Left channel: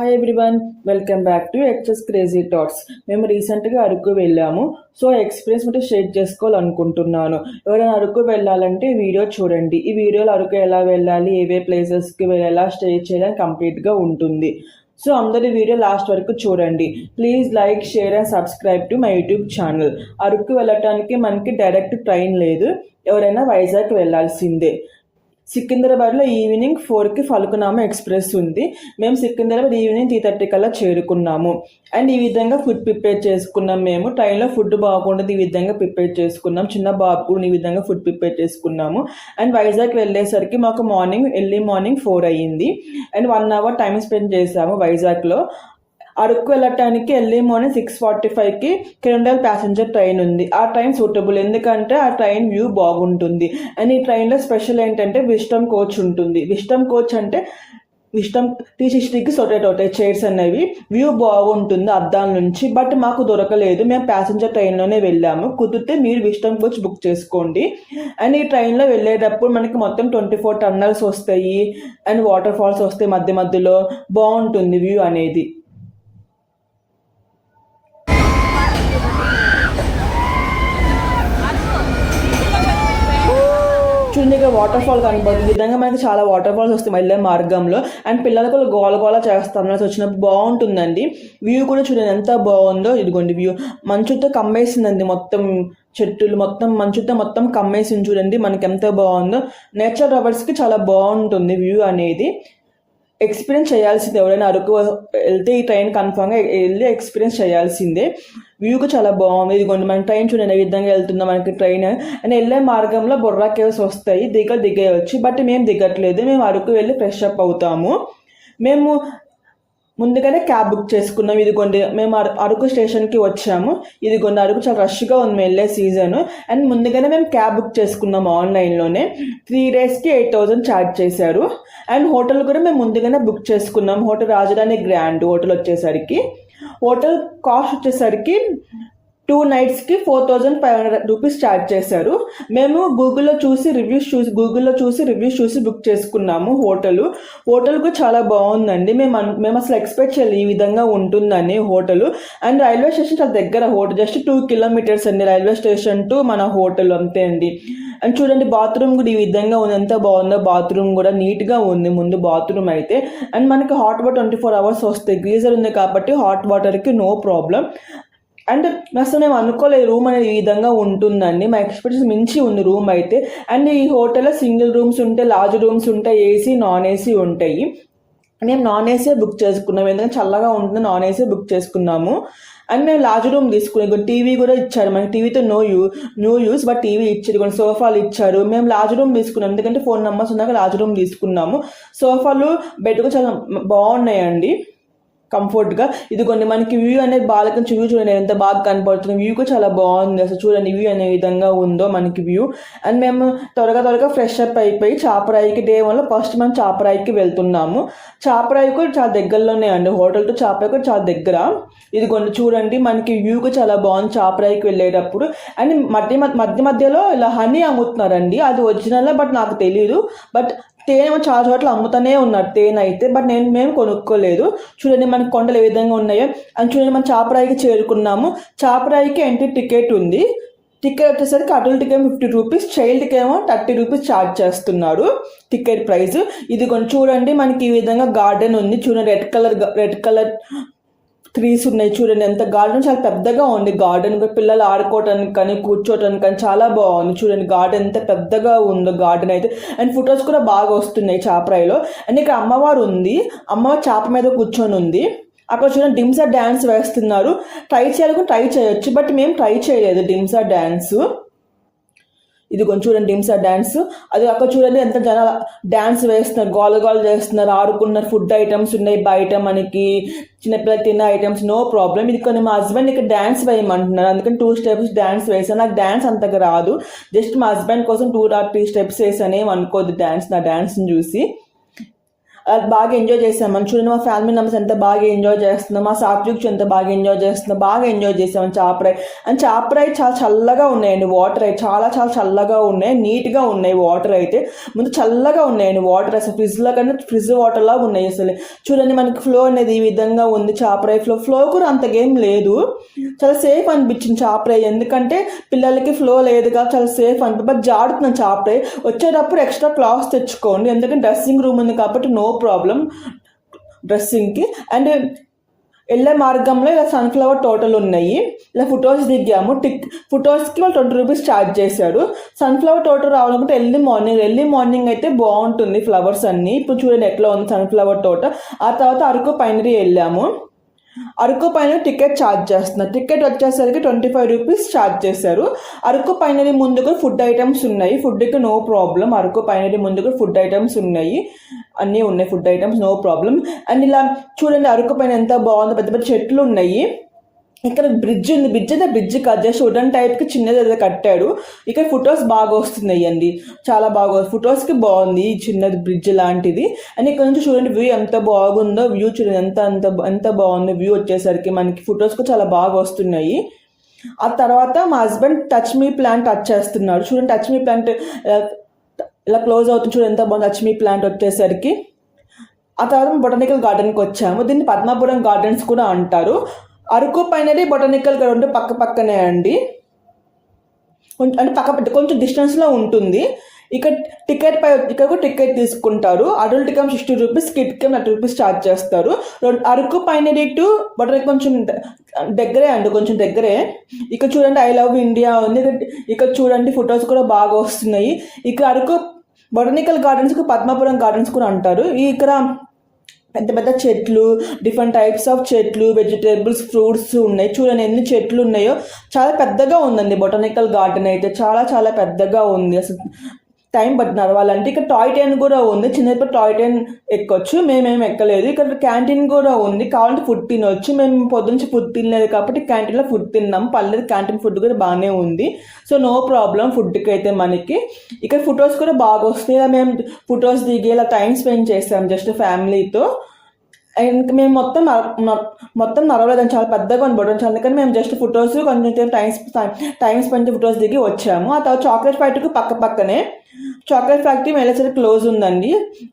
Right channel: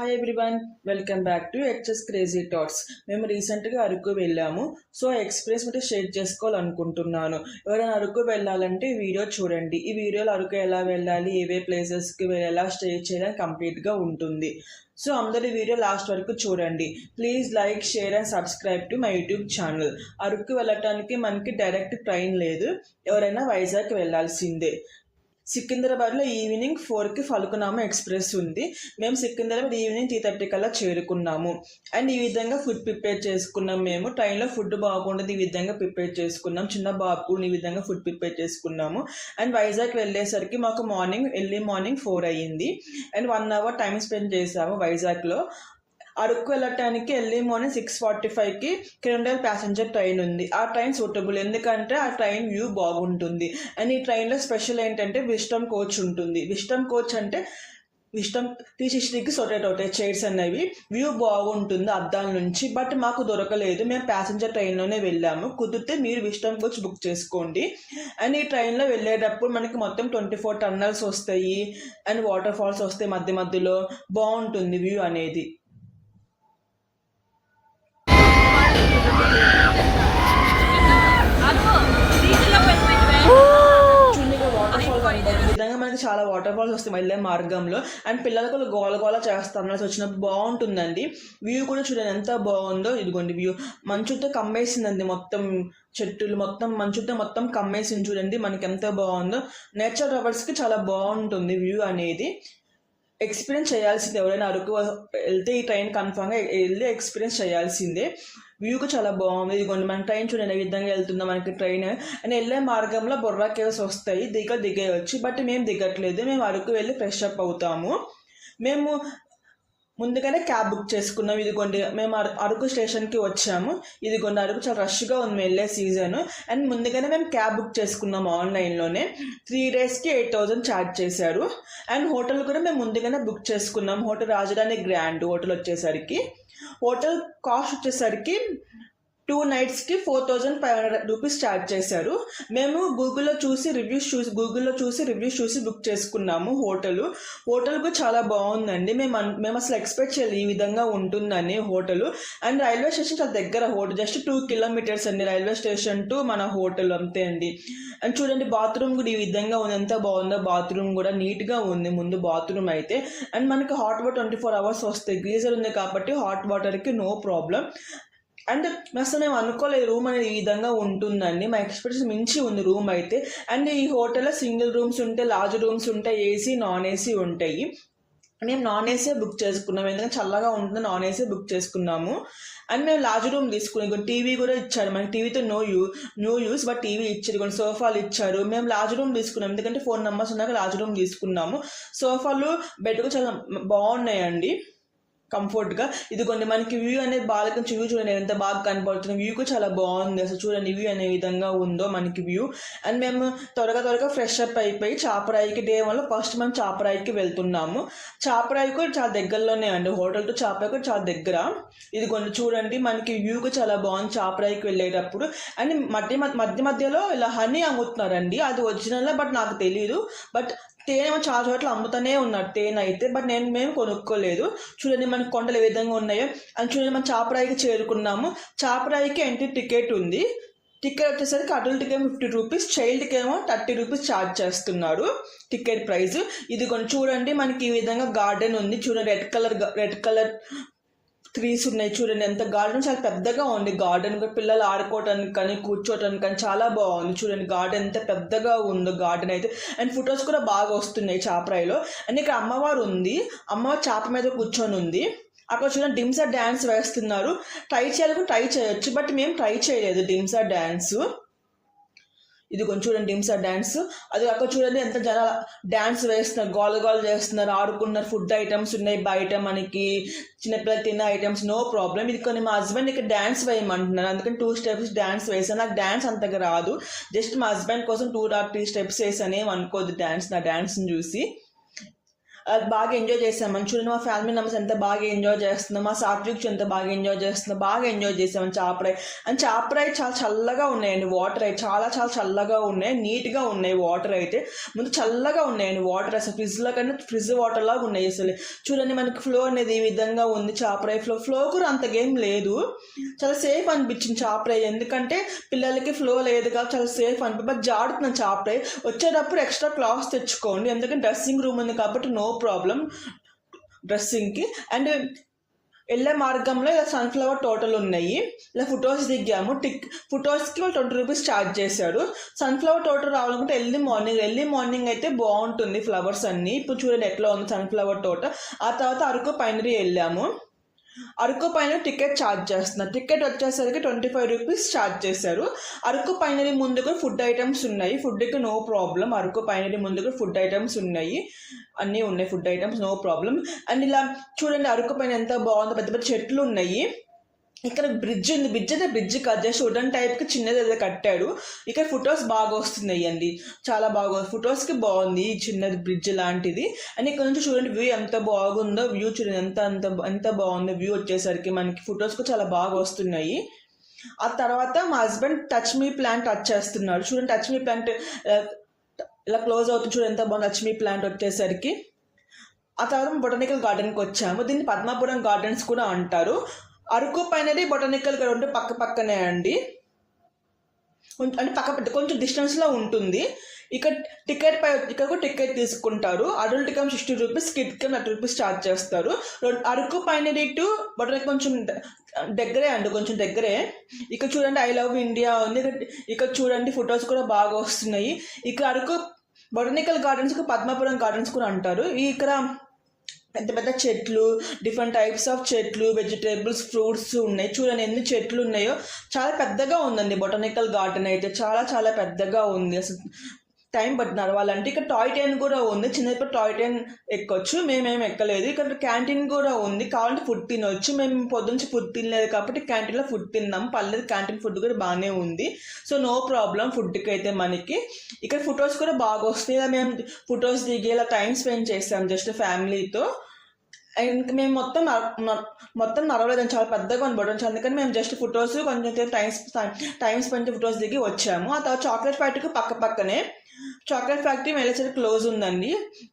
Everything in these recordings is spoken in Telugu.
Hi everyone, welcome back to HS crazy thoughts. మేము రీసెంట్గా అరకు వెళ్ళాము. సో ఎక్స్పీరియన్స్ అంటే షేర్ చేసుకోవాలనుకుంటున్నాను. ఎవరైనా అరకు వెళ్ళాలంటే వీడియో చూడండి. ఈ వీడియోలో అరకు ఎలా వెళ్ళాలి, ఏవే ప్లేసెస్కి ఎలా స్టే చేయాలని కంప్లీట్గా ఉంటుంది. సో అందరి వీడియో లాస్ట్ వరకు చూడండి. Please like, share and subscribe to my YouTube channel. Araku వెళ్ళటానికి మనకి డైరెక్ట్ ట్రైన్ లేదు, ఎవరైనా వైజాగ్ వెళ్ళాల్సిందే. సికింద్రాబాద్లో ఈవినింగ్ 4కి ఫల్కునామా ఎక్స్ప్రెస్ ఉంది. మేము సికింద్రాబాద్ ఈవినింగ్ 3:30 కల్లా చేరుకున్నాము. అండ్ ఈ విధంగా ఫుడ్ ప్రిపేర్ చేసుకున్నాం. మేము ట్రైన్లో ఫుడ్ బాగుంటుంది, ఈ విధంగా ప్రిపేర్ చేసుకున్నాం. చిన్న బాబు ఈ విధంగా ఫుడ్ ప్రిపేర్ చేసుకున్నాము. అండ్ వైజాగ్ వెళ్ళేసరికి మాకు ఎర్లీ మార్నింగ్ 4 అయ్యింది. అండ్ 1 అవర్ టైం స్పెండ్ చేసాము వైజాగ్లో. అరకు వెళ్ళటానికి ఎర్లీ మార్నింగ్ 6:45కి కిరండల్ ప్యాసింజర్ ట్రైన్ ఉంది. ఆ ట్రైన్ సూటబుల్, ఎందుకంటే ఆ ట్రైన్ వ్యూ బాగుంటుంది. అండ్ ఈ ట్రైన్లో స్పెషల్ ఏంటంటే విస్టమ్ కోచ్ ఉంటుంది. విస్టమ్ కోచ్ అంటే విస్టమ్ 360కి రొటేట్ చైర్స్ అనేవి, వ్యూ బాగుంటుంది అద్దాల నుంచి. బట్ మాకు దొరకలేదు, మేము ప్యాసింజర్ ట్రైన్లోనే వెళ్ళాము. కుదిరితే మీరు విస్టమ్ కోచ్ బుక్ చేసుకోండి. అండ్ ఈ ట్రైన్లో వెళ్ళేటప్పుడు మనకి మొత్తం 24 టన్నల్స్ వస్తాయి అండ్ వాటర్ ఫాల్స్ వస్తాయి మధ్య మధ్యలో. బాగుంటుంది వ్యూ అనేది. వాటర్ ఫాల్ కనబడుతుంది. ఈ విధంగా మనకి చాలా వాటర్ ఫాల్స్ వస్తాయి వెళ్ళే మార్గంలో. అండ్ పిల్లలకు గోల చేస్తాను వచ్చినప్పుడు బాగుంటుందండి. వ్యూ కూడా చూడండి ఎంత బాగుందో. ఇదిగోండి వ్యూ మంచుతో కమ్మేసిందండి, మొత్తం చెట్టులు మొత్తం మంచుతో మొత్తం కమ్మేసింది. చూడండి మనకి ఎంత బాగుందో. నేచర్ లవర్స్కి చాలా బాగుంటుంది వ్యూ అనేది. ఎక్స్పీరియన్స్ చేయాల్సిందే, ఎవరైనా అరకు వెళ్తే ఈ ట్రైన్ కన్ఫామ్గా వెళ్ళి ఎక్స్పీరియన్స్ చేయాల్సిందే. వ్యూకి చాలా బాగుంది. ఇదిగోండి మన ట్రైన్ చూడండి ఏ విధంగా వెళ్తుందో మనకి ట్రైన్. అండ్ వెళ్ళే మార్గంలో బొర్రా కేవ్స్ వస్తాయి, దిగవచ్చు. బట్ మేము దిగట్లేదు, మేము అరకు వెళ్ళి ఫ్రెష్ అప్ అవుతాము. మేము ముందుగానే క్యాబ్ బుక్ చేసుకున్నాం. ఇదిగోండి మేము అరకు స్టేషన్కి వచ్చాము. ఇదిగోండి అరకు చాలా రష్గా ఉంది వెళ్ళే సీజన్. అండ్ ముందుగానే మేము క్యాబ్ బుక్ చేసుకున్నాము ఆన్లైన్లోనే. 3 డేస్కి 8,000 ఛార్జ్ చేశారు. అండ్ హోటల్ కూడా మేము ముందుగానే బుక్ చేసుకున్నాం. హోటల్ రాజధాని గ్రాండ్ హోటల్ వచ్చేసరికి, హోటల్ కాస్ట్ వచ్చేసరికి 2 నైట్స్కి 4,500 రూపీస్ ఛార్జ్ చేశారు. మేము గూగుల్లో చూసి రివ్యూస్ చూసి బుక్ చేసుకున్నాము. హోటల్ కూడా చాలా బాగుందండి. మేము అసలు ఎక్స్పెక్ట్ చేయాలి ఈ విధంగా ఉంటుందని హోటల్. అండ్ రైల్వే స్టేషన్ చాలా దగ్గర, హోటల్ జస్ట్ 2 కిలోమీటర్స్ అండి రైల్వే స్టేషన్ టు మన హోటల్, అంతే అండి. అండ్ చూడండి బాత్రూమ్ కూడా ఈ విధంగా ఉంది, ఎంత బాగుందో. బాత్రూమ్ కూడా నీట్గా ఉంది ముందు బాత్రూమ్ అయితే. అండ్ మనకి హాట్ వాటర్ 24 అవర్స్ వస్తాయి. గీజర్ ఉంది కాబట్టి హాట్ వాటర్కి నో ప్రాబ్లం. అండ్ అసలు మేము అనుకోలేదు రూమ్ అనేది ఈ విధంగా ఉంటుందండి. మా ఎక్స్పెక్టేషన్ మించి ఉంది రూమ్ అయితే. అండ్ ఈ హోటల్లో సింగిల్ రూమ్స్ ఉంటాయి, లార్జ్ రూమ్స్ ఉంటాయి, ఏసీ నాన్ ఏసీ ఉంటాయి. మేము నాన్ ఏసీ బుక్ చేసుకున్నాము, ఎందుకంటే చల్లగా ఉంటుంది, నాన్ ఏసీ బుక్ చేసుకున్నాము. అండ్ మేము లార్జ్ రూమ్ తీసుకున్నాం. టీవీ కూడా ఇచ్చారు మనకి, టీవీతో నో యూస్ బట్ టీవీ ఇచ్చారు, కొన్ని సోఫాలు ఇచ్చారు. మేము లార్జ్ రూమ్ తీసుకున్నాం, ఎందుకంటే 4 మెంబర్స్ ఉన్నాక లార్జ్ రూమ్ తీసుకున్నాము. సోఫాలు, బెడ్ కూడా చాలా బాగున్నాయండి కంఫర్ట్గా. ఇది కొన్ని మనకి వ్యూ అనేది బాగా వ్యూ చూడండి ఎంత బాగా కనపడుతుంది. వ్యూ కూడా చాలా బాగుంది అసలు. చూడండి వ్యూ అనే విధంగా ఉందో మనకి వ్యూ. అండ్ మేము త్వరగా ఫ్రెష్ అప్ అయిపోయి చాపరాయికి డే 1లో ఫస్ట్ మనం చాపరాయికి వెళ్తున్నాము. చాపరాయి కూడా చాలా దగ్గరలోనే అండి, హోటల్తో చాపరాయి కూడా చాలా దగ్గర. ఇది కొన్ని చూడండి మనకి వ్యూ కూడా చాలా బాగుంది చాపరాయికి వెళ్ళేటప్పుడు. అండ్ మధ్యలో ఇలా హనీ అమ్ముతున్నారండి, అది ఒరిజినల్ బట్ నాకు తెలియదు. బట్ తేనె చాలా చోట్ల అమ్ముతూనే ఉన్నారు తేనె అయితే, బట్ మేము కొనుక్కోలేదు. చూడండి మనకి కొండలు ఏ విధంగా ఉన్నాయో. అండ్ చూడండి మనం చాపరాయికి చేరుకున్నాము. చాపరాయికి ఎంట్రీ టికెట్ ఉంది. టికెట్ వచ్చేసరికి అడల్ట్కి 50 రూపీస్, చైల్డ్కి ఏమో 30 రూపీస్ ఛార్జ్ చేస్తున్నారు టికెట్ ప్రైస్. ఇది కొంచెం చూడండి మనకి ఈ విధంగా గార్డెన్ ఉంది. చూడండి రెడ్ కలర్ ట్రీస్ ఉన్నాయి. చూడండి ఎంత గార్డెన్ చాలా పెద్దగా ఉంది. గార్డెన్ పిల్లలు ఆడుకోవటానికి కానీ కూర్చోటానికి కానీ చాలా బాగుంది. చూడండి గార్డెన్ ఎంత పెద్దగా ఉందో గార్డెన్ అయితే. అండ్ ఫొటోస్ కూడా బాగా వస్తున్నాయి చాపరాయిలో. అండ్ ఇక్కడ అమ్మవారు ఉంది, అమ్మవారు చాప మీద కూర్చొని ఉంది. అక్కడ చూడండి డింసా డ్యాన్స్ వేస్తున్నారు. ట్రై చేయొచ్చు, బట్ మేము ట్రై చేయలేదు డింసా డ్యాన్స్. ఇది కొంచెం చూడండి డింసా డ్యాన్స్. అది అక్కడ చూడండి ఎంత జనాలు డ్యాన్స్ వేస్తున్నారు, గోల చేస్తున్నారు, ఆడుకున్నారు. ఫుడ్ ఐటమ్స్ ఉన్నాయి బయట మనకి, చిన్నపిల్లలు తిన్న ఐటమ్స్, నో ప్రాబ్లం. ఇది కొన్ని మా హస్బెండ్ ఇక్కడ డ్యాన్స్ వేయమంటున్నారు, అందుకని 2 స్టెప్స్ డ్యాన్స్ వేసాను. నాకు డ్యాన్స్ అంతగా రాదు, జస్ట్ మా హస్బెండ్ కోసం 2 or 3 స్టెప్స్ వేసాను. ఏం అనుకోదు డ్యాన్స్, నా డ్యాన్స్ని చూసి. బాగా ఎంజాయ్ చేసాం. మనం చూడండి మా ఫ్యామిలీ మెంబర్స్ ఎంత బాగా ఎంజాయ్ చేస్తున్నాం, మా సాత్విక్ ఎంత బాగా ఎంజాయ్ చేస్తున్నాం, బాగా ఎంజాయ్ చేసాం చాపరాయి. అండ్ చాపరాయి చాలా చల్లగా ఉన్నాయండి, వాటర్ అయితే చాలా చాలా చల్లగా ఉన్నాయి, నీట్గా ఉన్నాయి. వాటర్ అయితే ముందు చల్లగా ఉన్నాయండి, వాటర్ అసలు ఫ్రిడ్జ్లో కన్నా ఫ్రిడ్జ్ వాటర్ లాగా ఉన్నాయి. అసలు చూడండి మనకి ఫ్లో అనేది ఈ విధంగా ఉంది. చాపరాయి ఫ్లో కూడా అంతగా ఏం లేదు, చాలా సేఫ్ అనిపించింది చాపరాయి. ఎందుకంటే పిల్లలకి ఫ్లో లేదు కాబట్టి చాలా సేఫ్ అనిపి. బట్ జాడుతున్నాను చాపరాయి. వచ్చేటప్పుడు ఎక్స్ట్రా క్లాత్స్ తెచ్చుకోండి, ఎందుకంటే డ్రెస్సింగ్ రూమ్ ఉంది కాబట్టి నో ప్రాబ్లం డ్రెస్సింగ్కి. అండ్ వెళ్ళే మార్గంలో ఇలా సన్ఫ్లవర్ తోటలు ఉన్నాయి. ఇలా ఫొటోస్ దిగాము. ఫొటోస్కి వాళ్ళు 20 రూపీస్ ఛార్జ్ చేశాడు. సన్ఫ్లవర్ తోట రావాలనుకుంటే ఎర్లీ మార్నింగ్ అయితే బాగుంటుంది ఫ్లవర్స్ అన్నీ. ఇప్పుడు చూడండి ఎట్లా ఉంది సన్ఫ్లవర్ తోట. ఆ తర్వాత అరకు పైనరీ వెళ్ళాము. అరకు పైన టికెట్ ఛార్జ్ చేస్తున్నారు. టికెట్ వచ్చేసరికి 25 రూపీస్ ఛార్జ్ చేశారు. అరకు పైనరీ ముందుకు ఫుడ్ ఐటమ్స్ ఉన్నాయి, ఫుడ్కి నో ప్రాబ్లం. అరకు పైనరీ ముందుకు ఫుడ్ ఐటమ్స్ ఉన్నాయి, అన్నీ ఉన్నాయి food items, no problem. And ఇలా చూడండి అరకు పైన ఎంత బాగుందో, పెద్ద పెద్ద చెట్లు ఉన్నాయి. ఇక్కడ బ్రిడ్జ్ ఉంది, బ్రిడ్జ్ కాదు, జస్ట్ వుడెన్ టైప్కి చిన్నది ఏదో కట్టాడు. ఇక్కడ ఫొటోస్ బాగా వస్తున్నాయి అండి, చాలా బాగా ఫొటోస్కి బాగుంది ఈ చిన్నది బ్రిడ్జ్ లాంటిది. అండ్ ఇక్కడ నుంచి చూడండి వ్యూ ఎంత బాగుందో, వ్యూ చూడండి ఎంత బాగుందో వ్యూ వచ్చేసరికి మనకి ఫొటోస్కి చాలా బాగా వస్తున్నాయి. ఆ తర్వాత మా husband touch me plant touch చేస్తున్నాడు. చూడండి టచ్ మీ ప్లాంట్ ఇలా క్లోజ్ అవుతుంది, చూడండి ఎంత బాగుంది టచ్ మీ ప్లాంట్ వచ్చేసరికి. ఆ తర్వాత బొటానికల్ గార్డెన్కి వచ్చాము. దీన్ని పద్మాపురం గార్డెన్స్ కూడా అంటారు. అరకు పైనది బొటానికల్ గార్డెన్ పక్కనే అండి, అంటే కొంచెం డిస్టెన్స్లో ఉంటుంది. ఇక్కడ కూడా టికెట్ తీసుకుంటారు. Adult come 60 rupees, kid come 30 rupees charge చేస్తారు. అరకు పైనది టు బొటానికల్ కొంచెం దగ్గరే అండి, కొంచెం దగ్గరే. ఇక్కడ చూడండి ఐ లవ్ ఇండియా ఉంది. ఇక్కడ చూడండి ఫొటోస్ కూడా బాగా వస్తున్నాయి. ఇక్కడ అరకు బొటానికల్ గార్డెన్స్కి పద్మాపురం గార్డెన్స్ కూడా అంటారు. ఇక్కడ పెద్ద పెద్ద చెట్లు, డిఫరెంట్ టైప్స్ ఆఫ్ చెట్లు, వెజిటేబుల్స్, ఫ్రూట్స్ ఉన్నాయి. చూడండి ఎన్ని చెట్లు ఉన్నాయో, చాలా పెద్దగా ఉందండి బొటానికల్ గార్డెన్ అయితే, చాలా చాలా పెద్దగా ఉంది. అసలు టైం పట్టి నడవాలంటే. ఇక్కడ టాయ్ ట్రైన్ కూడా ఉంది, చిన్నప్పుడు టాయ్ ట్రైన్ ఎక్కొచ్చు, మేమేం ఎక్కలేదు. ఇక్కడ క్యాంటీన్ కూడా ఉంది, కావాలంటే ఫుడ్ తినవచ్చు. మేము పొద్దునుంచి ఫుడ్ తినలేదు కాబట్టి క్యాంటీన్లో ఫుడ్ తిన్నాం, పర్లేదు. క్యాంటీన్ ఫుడ్ కూడా బాగానే ఉంది, సో నో ప్రాబ్లం ఫుడ్కి అయితే మనకి. ఇక్కడ ఫొటోస్ కూడా బాగా వస్తాయి. ఇలా మేము ఫొటోస్ దిగి ఇలా టైం స్పెండ్ చేస్తాం జస్ట్ ఫ్యామిలీతో. అండ్ మేము మొత్తం నడవలేదని, చాలా పెద్దగా ఉంది, అందుకని మేము జస్ట్ ఫొటోస్ కొంచెం టైం స్పెండ్ ఫొటోస్ దిగి వచ్చాము. ఆ తర్వాత చాక్లెట్ ఫ్యాక్టరీకి పక్కనే చాక్లెట్ ఫ్యాక్టరీ వెళ్ళేసరికి క్లోజ్ ఉందండి,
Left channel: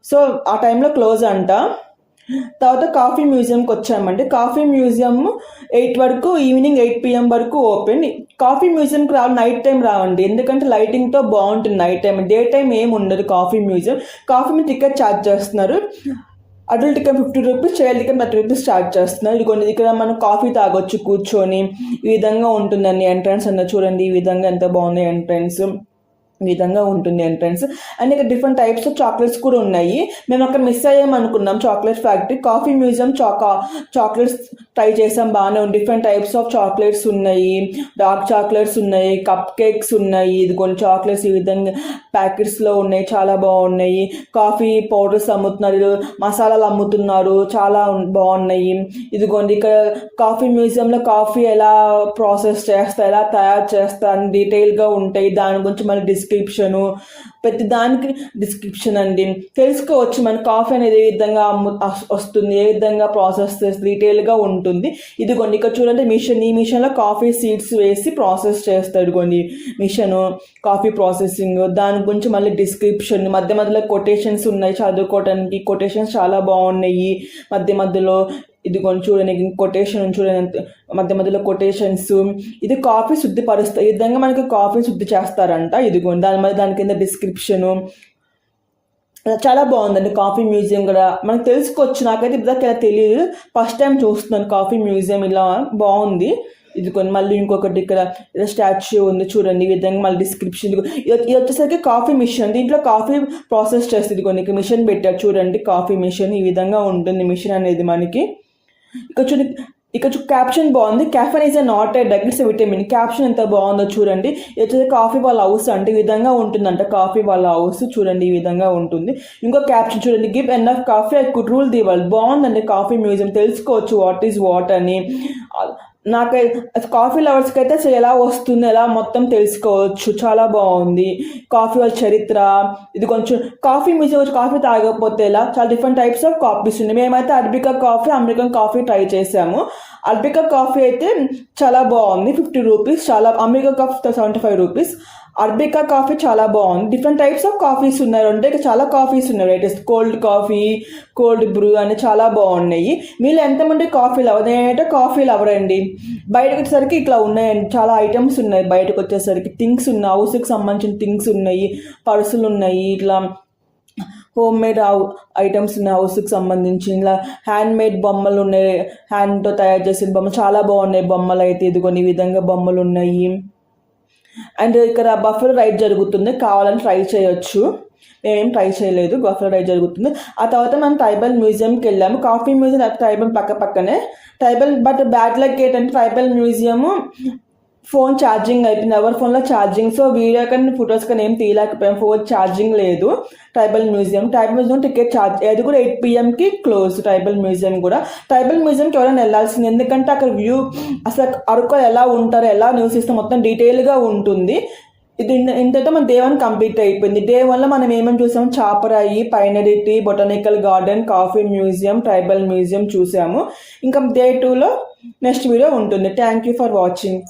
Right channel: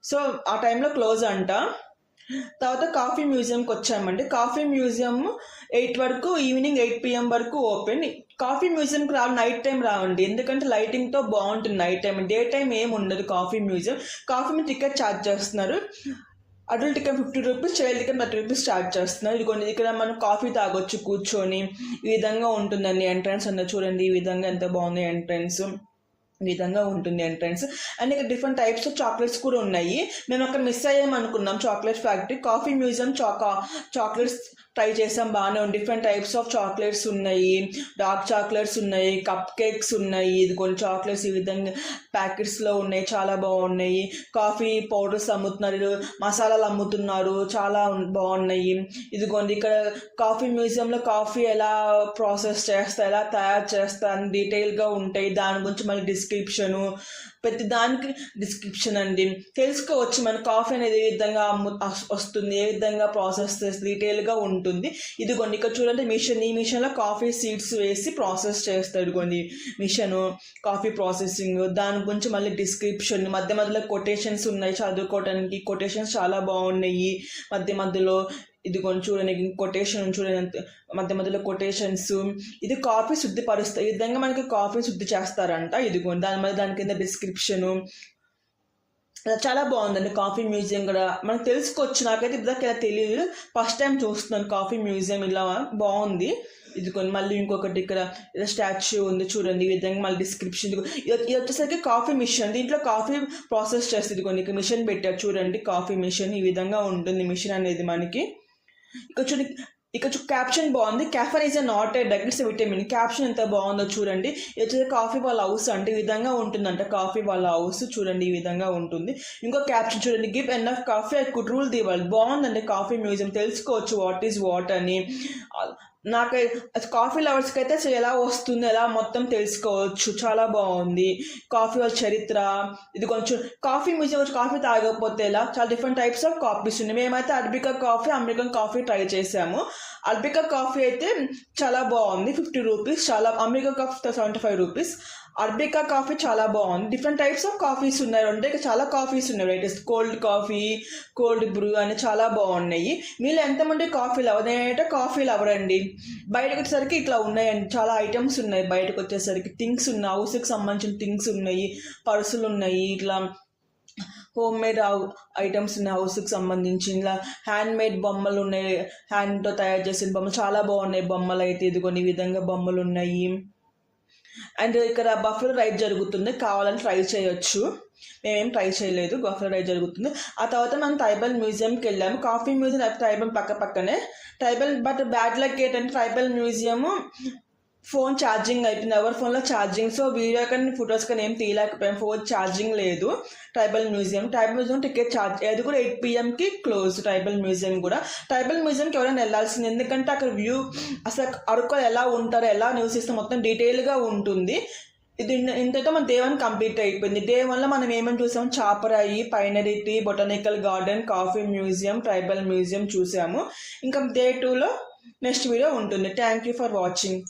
సో ఆ టైంలో క్లోజ్ అంట. తర్వాత కాఫీ మ్యూజియంకి వచ్చామండి. కాఫీ మ్యూజియం 8 వరకు, ఈవినింగ్ 8 PM వరకు ఓపెన్. కాఫీ మ్యూజియంకి నైట్ టైం రావండి, ఎందుకంటే లైటింగ్తో బాగుంటుంది నైట్ టైం. డే టైం ఏమి ఉండదు కాఫీ మ్యూజియం. కాఫీ మీద టికెట్ ఛార్జ్ చేస్తున్నారు. Adult ticket 50 rupees, child ticket 30 rupees charge చేస్తున్నారు. ఇదిగోండి ఇక్కడ మనం కాఫీ తాగొచ్చు కూర్చొని, ఈ విధంగా ఉంటుందండి ఎంట్రన్స్ అన్న. చూడండి ఈ విధంగా ఎంత బాగుంది ఎంట్రన్స్, ఈ విధంగా ఉంటుంది ఎంట్రన్స్. అండ్ ఇక్కడ డిఫరెంట్ టైప్స్ ఆఫ్ చాక్లెట్స్ కూడా ఉన్నాయి. మేము అక్కడ మిస్ అయ్యామనుకున్నాం chocolate factory. Coffee museum chocolates try చేసాం, బాగానే ఉంది. డిఫరెంట్ టైప్స్ ఆఫ్ చాక్లెట్స్ ఉన్నాయి, డార్క్ చాక్లెట్స్ ఉన్నాయి, కప్ కేక్స్ ఉన్నాయి. ఇది కొన్ని చాక్లెట్స్ ఈ విధంగా ప్యాకెట్స్లో ఉన్నాయి, చాలా బాగున్నాయి. కాఫీ పౌడర్స్ అమ్ముతున్నారు, మసాలాలు అమ్ముతున్నారు, చాలా బాగున్నాయి. ఇదిగోండి ఇక్కడ కాఫీ మ్యూజియంలో కాఫీ ఎలా ప్రాసెస్ చేస్తా, ఎలా తయారు చేస్తా అని డీటెయిల్గా ఉంటాయి. దాని గురించి మళ్ళీ డిస్క్రిప్షను, ప్రతి దానికి డిస్క్రిప్షన్ అండి, తెలుసుకోవచ్చు. మన కాఫీ అనేది ఏ విధంగా వస్తుంది, ఏ విధంగా ప్రాసెస్ చేస్తే డీటెయిల్గా ఉంటుంది. ఇదిగోండి ఇక్కడ చూడండి మిషన్, ఈ మిషన్లో కాఫీ సీడ్స్ వేసి ప్రాసెస్ చేస్తారు. ఇదిగోండి మిషను, కాఫీ ప్రాసెసింగ్, దాని గురించి మళ్ళీ డిస్క్రిప్షన్, మధ్యలో కొటేషన్స్ ఉన్నాయి చదువుకోవడానికి. కొటేషన్స్ చాలా బాగున్నాయి మధ్యలో. ఇదిగోండి చూడండి కొటేషన్, చూడండి మధ్యలో కొటేషన్స్. ఇది కాఫీ శుద్ధిపరుస్తారు, ఈ విధంగా మనకి కాఫీ శుద్ధి చేస్తారంట. ఇదిగోండి దాని కింద డిస్క్రిప్షను, చాలా బాగుందండి కాఫీ మ్యూజియం కూడా. మనకు తెలుసుకోవచ్చు, నాకైతే ఇప్పటిదాకా తెలియదు, ఫస్ట్ టైం చూస్తున్నాను కాఫీ మ్యూజియం, ఇలా బాగుంది. ఇది కొన్ని మళ్ళీ ఇంకొకటి ఇక్కడ స్టాచ్యూ ఉంది చూడండి, ఈ విధంగా మళ్ళీ డిస్క్రిప్షన్. ఇది వచ్చేసరికి కాఫీ మిషన్, దీంట్లో కాఫీ ప్రాసెస్ చేస్తుంది. కొన్ని మిషన్ పెట్టారు చూడండి, కాఫీ మిషన్ ఈ విధంగా ఉంటుంది మిషన్ అనేది మనకి. ఇక్కడ క్యాప్షన్ బాగుంది, caffeine is not a drug, it's vitamin. Caption ఎంత బాగుందో చూడండి. ఇది వచ్చేసి కాఫీ వాళ్ళ హౌస్ అంటే ఈ విధంగా ఉంటుందంట, కాఫీ వాళ్ళ హౌస్ చూడండి ఈ విధంగా ఉంటుంది. ఇంకో క్యాప్షన్ చూడండి, give enough coffee I could rule the world. బాగుందండి కాఫీ మ్యూజియం, తెలుసుకోవచ్చు వాట్ ఈజ్ వాట్ అని. నాకు కాఫీ లవర్స్కి అయితే అసలు ఎలా వస్తుందో ఎలా మొత్తం తెలుసుకోవచ్చు. చాలా బాగుంది కాఫీ వాళ్ళ చరిత్ర. ఇది కొంచెం కాఫీ మ్యూజియం వచ్చి కాఫీ తాగకపోతే ఎలా, చాలా డిఫరెంట్ టైప్స్ ఆఫ్ కాఫీస్ ఉన్నాయి. మేమైతే arabica coffee, American coffee try చేసాము. అరబికా కాఫీ అయితే చాలా బాగుంది, 50 రూపీస్. చాలా American coffee 75 rupees. Arabica coffee చాలా బాగుంది. డిఫరెంట్ టైప్స్ ఆఫ్ కాఫీస్ ఉన్నాయి, అంటే చాలా కాఫీస్ ఉన్నాయి varieties. Cold coffee, cold Bru అని చాలా బాగున్నాయి. మీరు ఎంతమంది కాఫీ లవర్? నేనైతే కాఫీ లవర్ అండి. బయటకు వచ్చేసరికి ఇట్లా ఉన్నాయండి, చాలా ఐటమ్స్ ఉన్నాయి. బయటకు వచ్చేసరికి థింగ్స్ ఉన్నాయి, హౌస్కి సంబంధించిన థింగ్స్ ఉన్నాయి, పర్సులు ఉన్నాయి, ఇట్లా హోమ్ మేడ్ ఐటమ్స్ ఉన్నాయి హౌస్కి సంబంధించి. ఇలా హ్యాండ్ మేడ్ బొమ్మలు ఉన్నాయి, హ్యాండ్తో తయారు చేసిన బొమ్మలు చాలా బాగున్నాయి. బొమ్మలు అయితే ఇదిగోని ఈ విధంగా బొమ్మలు ఉన్నాయి. అండ్ ఇక్కడ బఫెలో రైడ్ జరుగుతుంది, కావాలని ట్రై చేయొచ్చు. మేమేం ట్రై చేయలేదు, బఫెలో రైడ్ జరుగుతుంది. ఆ తర్వాత మనం ట్రైబల్ మ్యూజియంకి వెళ్ళాము. కాఫీ మ్యూజియం ట్రైబల్ పక్కనే ట్రైబల్. బట్ బ్యాడ్ లక్ ఏంటంటే ట్రైబల్ మ్యూజియము ఫోన్ ఛార్జింగ్ అయిపోయింది, ఎవరి ఫోన్లో ఛార్జింగ్. సో వీడియో కానీ ఫొటోస్ కానీ ఏం తీయలేకపోయాం, ఫోన్ ఛార్జింగ్ లేదు. ట్రైబల్ మ్యూజియం టికెట్ ఛార్జ్, అది కూడా 8 PM క్లోజ్. ట్రైబల్ మ్యూజియం మ్యూజియంకి ఎవరైనా వెళ్ళాల్సింది, ఎందుకంటే అక్కడ వ్యూ అసలు అరకు ఎలా ఉంటారు, ఎలా నివసిస్తాం మొత్తం డీటెయిల్గా ఉంటుంది. ఇది ఇంతతో మన డే 1 కంప్లీట్ అయిపోయింది. డే 1లో మనం ఏమేమి చూసాము, Chaparai, pinery, botanical garden, coffee museum, tribal museum చూసాము. ఇంకా డే 2లో నెక్స్ట్ వీడియో ఉంటుంది. Thank you for watching.